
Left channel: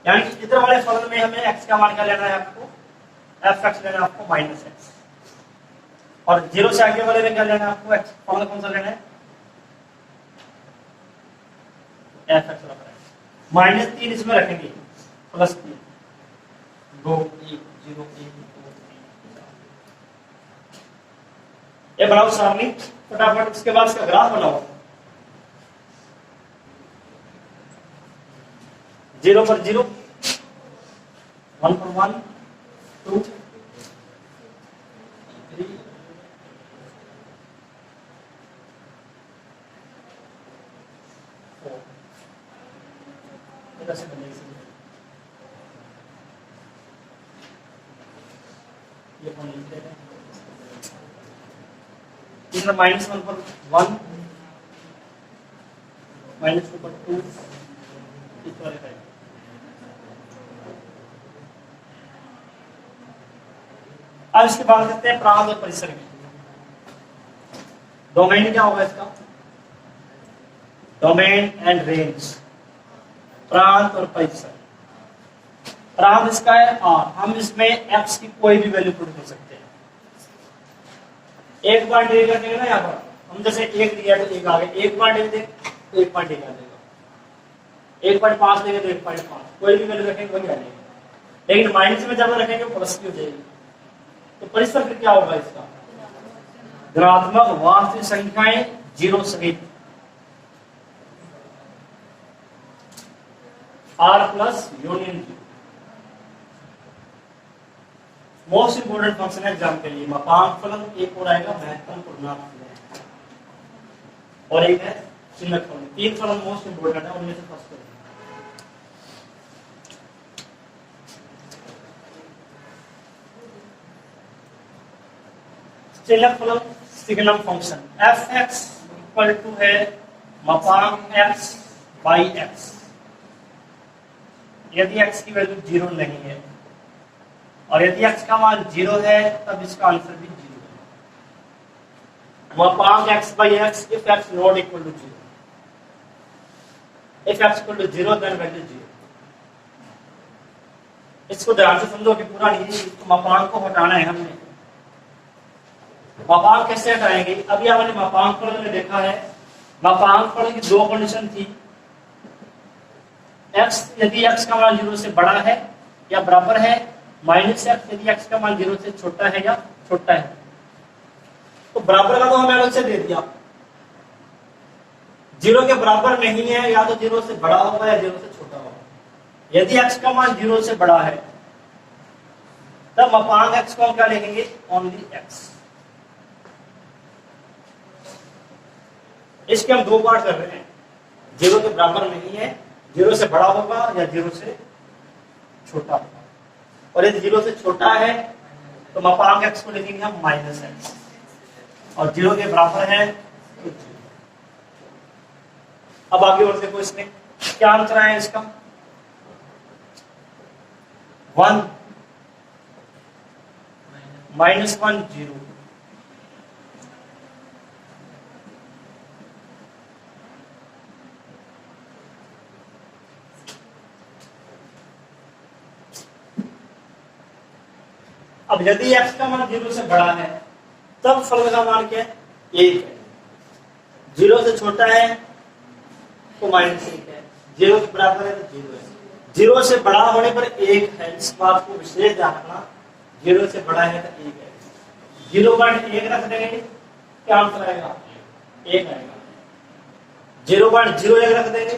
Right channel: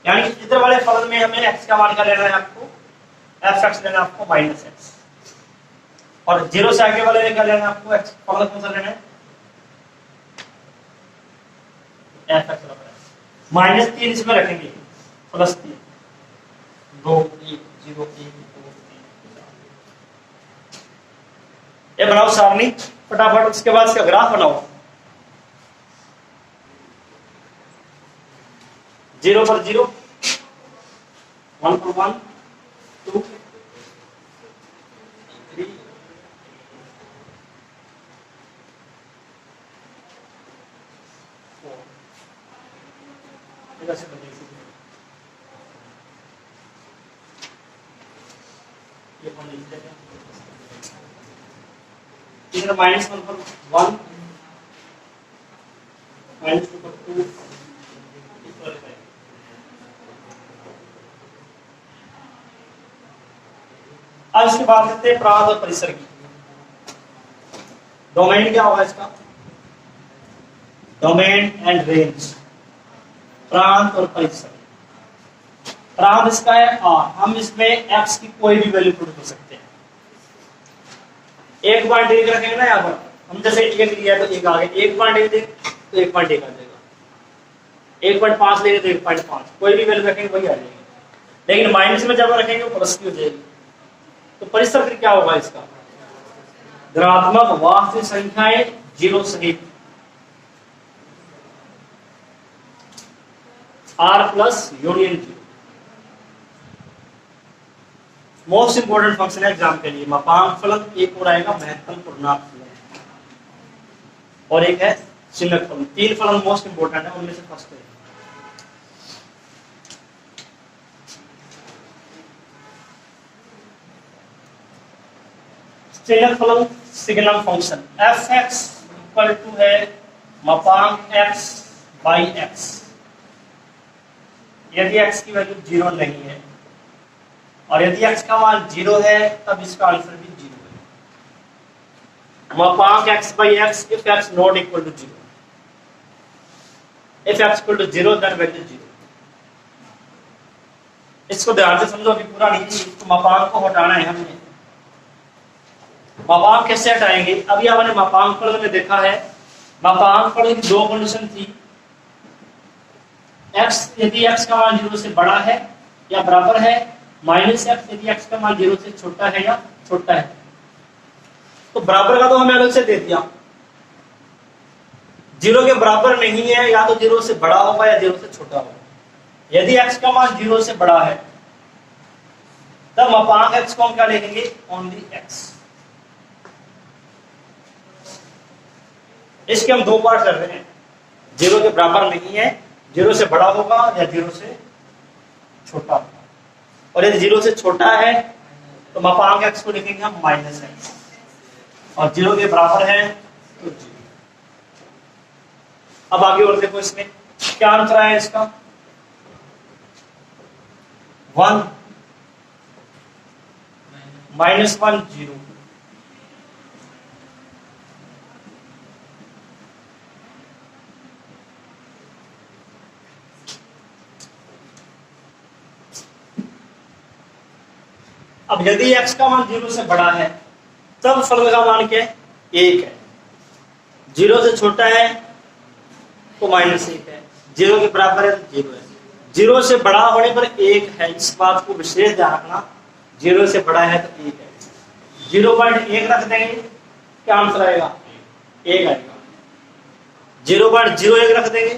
यानी इधर वाले फलन में हमें x का मान का लेना है आपको, f(x) लेना है आपको -x, और 0 से आगे वाले में क्या लेना है आपको, x फलन कौन सा लेना है f(x) -3 इसमें रखेंगे, +3, 2, 1, 0, 1, 2, 3, ये बनाओ सारणी फटाफट, उसके बाद इसका ग्राफ बनाओ। 0 पर 0, 1 पर 1, 2, 3, 4। कैसे बनेगी ये कौन लिख देगा? इधर -1 पर 1, -2 पर 2, इस तरह का। अब इसकी बात करते हैं प्रांत और परिसर की। डोमेन क्या होगा इसका? Domain and range. प्रांत और परिसर। प्रांत इसका है R, हम इसमें x की कोई भी वैल्यू पुट कर सकते हैं। 1.1 रखेंगे ना यहाँ पर, हम जैसे 1 लिया तो 1 आ गया, 1.1 देंगे तो 1.1 आ जाएगा, 1.5 लेंगे तो 1.5, कोई भी वैल्यू रखेंगे वही आ जाएगी। लेकिन माइनस में जब रखेंगे प्लस की हो जाएगी। तो परिसर फिर क्या होगा इसका? धनात्मक वास्तविक संख्याएं 0 सहित R plus union 0। Most important function है एग्जाम के लिए। मापांक फलन, एक और आएगा महत्तम पूर्णांक फलन, और एक है चिन्हक फलन। 3 फलन मोस्ट इंपोर्टेंट है, उनमें से फर्स्ट है। चिन्हक फलन signum function f(x) equal to है मापांक x बाई x। यदि x की वैल्यू 0 नहीं है और यदि x का मान 0 है तब इसका आंसर भी 0 है। मापांक x by x if x not equal to 0, if x equal to 0 then value 0। इसको ध्यान से समझो, अभी पूरा नहीं, इसको मापांक को हटाना है हमने। मापांक कैसे हटाएंगे? अभी आपने मापांक फलन में देखा है, मापांक फलन की 2 कंडीशन थी। x यदि x का मान 0 से बड़ा है या बराबर है, -x यदि x का मान 0 से छोटा है या छोटा है। तो बराबर का तो हमें अलग से दे दिया, 0 के बराबर नहीं है, या तो 0 से बड़ा होगा या 0 से छोटा होगा। यदि x का मान 0 से बड़ा है तब मापांक x को हम क्या लिखेंगे? Only x। इसके हम 2 पार्ट कर रहे हैं, 0 के बराबर नहीं है, 0 से बड़ा होगा या 0 से छोटा होगा। और यदि 0 से छोटा है तो मापांक x को लिखेंगे हम -x, और 0 के बराबर है तो 0। अब आगे और देखो, इसमें क्या आंसर है इसका? 1 -1 0। अब यदि x का मान 0 से बड़ा है तब फलन का मान क्या है? 1 है। 0 से छोटा है तो -1 है, 0 के बराबर है तो 0 है। 0 से बड़ा होने पर 1 है, इस बात को विशेष ध्यान रखना। 0 से बड़ा है तो 1 है, 0.1 रख देंगे, क्या आंसर आएगा? 1 आएगा। 0.01 रख देंगे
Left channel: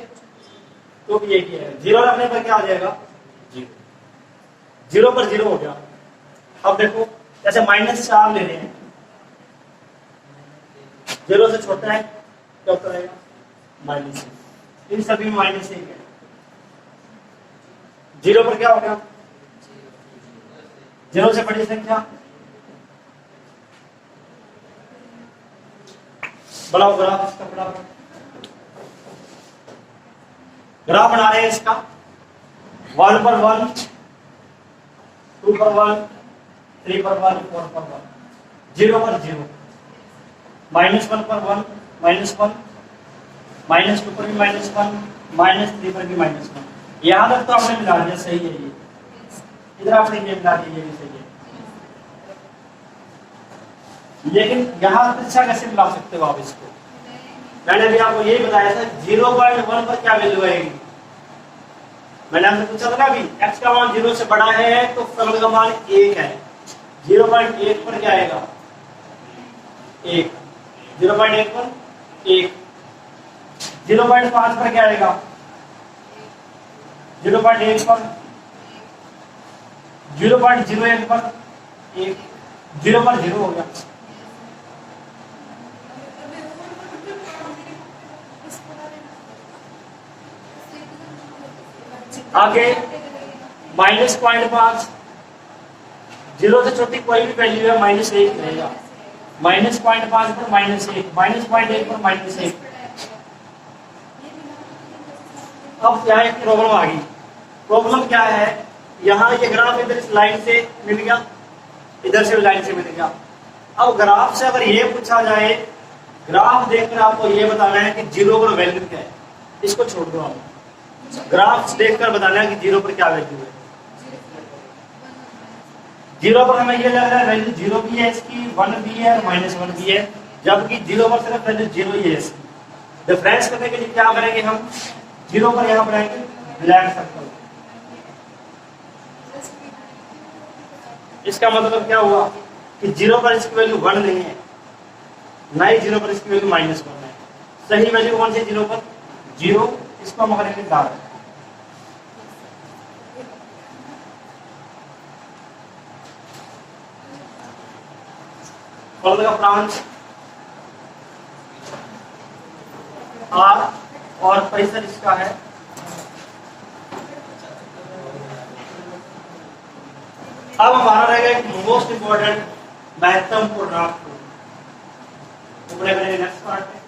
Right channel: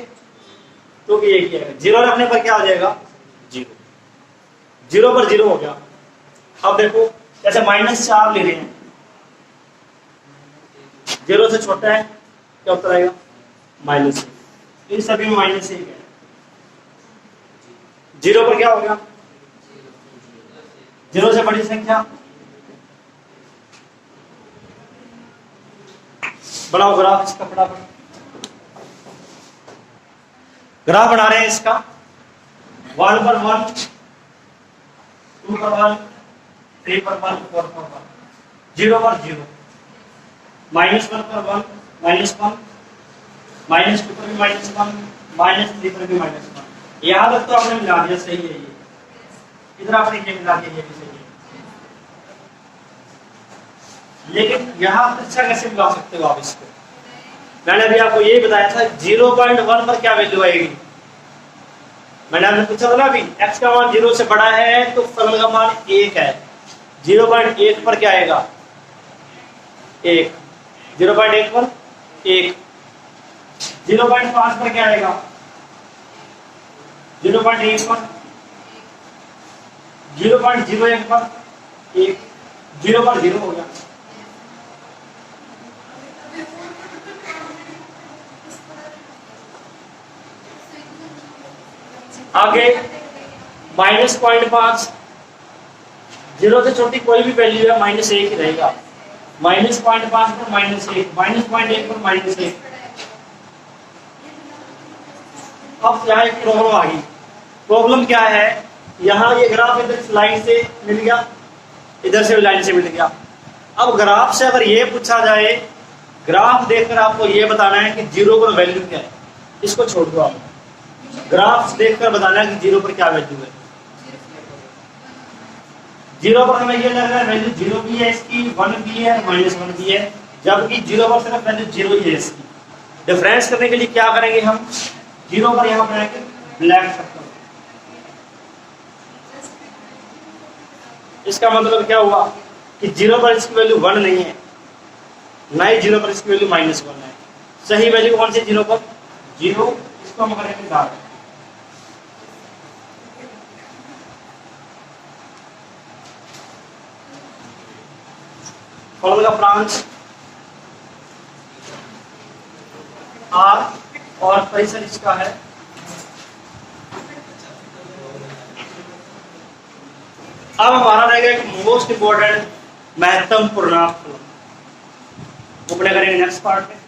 तो भी 1 ही आएगा। 0 रखने पर क्या हो जाएगा? 0। 0 पर 0 हो गया। अब देखो, जैसे -4 ले रहे हैं, 0 से छोटा है, क्या उत्तर आएगा? -1। इन सभी में -1 है। 0 पर क्या हो गया? 0 से बड़ी संख्या, बढ़ाओ ग्राफ इसका, फटाफट ग्राफ बना रहे हैं इसका। 1 पर 1, 2 पर 1, 3 पर 1, 4 पर 1, 0 पर 0, -1 पर 1, -1, -2 पर भी -1, -3 पर भी -1। यहां तक तो आपने मिला दिया, सही है ये। इधर आपने ये मिला दिया, ये भी सही है। लेकिन यहां अच्छा कैसे मिला सकते हो आप इसको? मैंने अभी आपको यही बताया था, 0.1 पर क्या वैल्यू आएगी? मैंने आपने पूछा था ना अभी, x का मान 0 से बड़ा है तो फलन का मान 1 है। 0.1 पर क्या आएगा? 1, 0.1 पर 1, 0.5 पर क्या आएगा, 0.1 पर, 0.01 पर 1, 0 पर 0 हो गया। आगे -0.5, 0 से छोटी कोई भी वैल्यू है -1 ही रहेगा। -0.5 पर -1, -0.1 पर -1। अब यहाँ एक प्रॉब्लम आ गई। प्रॉब्लम क्या है, यहाँ ये ग्राफ इधर इस लाइन से मिल गया, इधर से लाइन से मिल गया। अब ग्राफ से अगर ये पूछा जाए, ग्राफ देखकर आपको ये बताना है कि 0 पर वैल्यू क्या है, इसको छोड़ दो आप, ग्राफ देखकर बताना है कि 0 पर क्या वैल्यू है। 0 पर हमें ये लग रहा है वैल्यू 0 भी है इसकी, 1 भी है, -1 भी है, जबकि 0 पर सिर्फ वैल्यू 0 ही है इसकी। डिफरेंस करने के लिए क्या करेंगे हम, 0 पर यहाँ बनाएंगे ब्लैक सर्कल। इसका मतलब क्या हुआ कि 0 पर इसकी वैल्यू 1 नहीं है, ना ही 0 पर इसकी वैल्यू -1 है। सही वैल्यू कौन सी, 0 पर 0, इसको हम करेंगे डार्क। फॉर्मूला ब्रांच R और परिसर इसका है अब हमारा रहेगा एक मोस्ट इंपॉर्टेंट महत्वपूर्ण, वो करेंगे नेक्स्ट पार्ट में।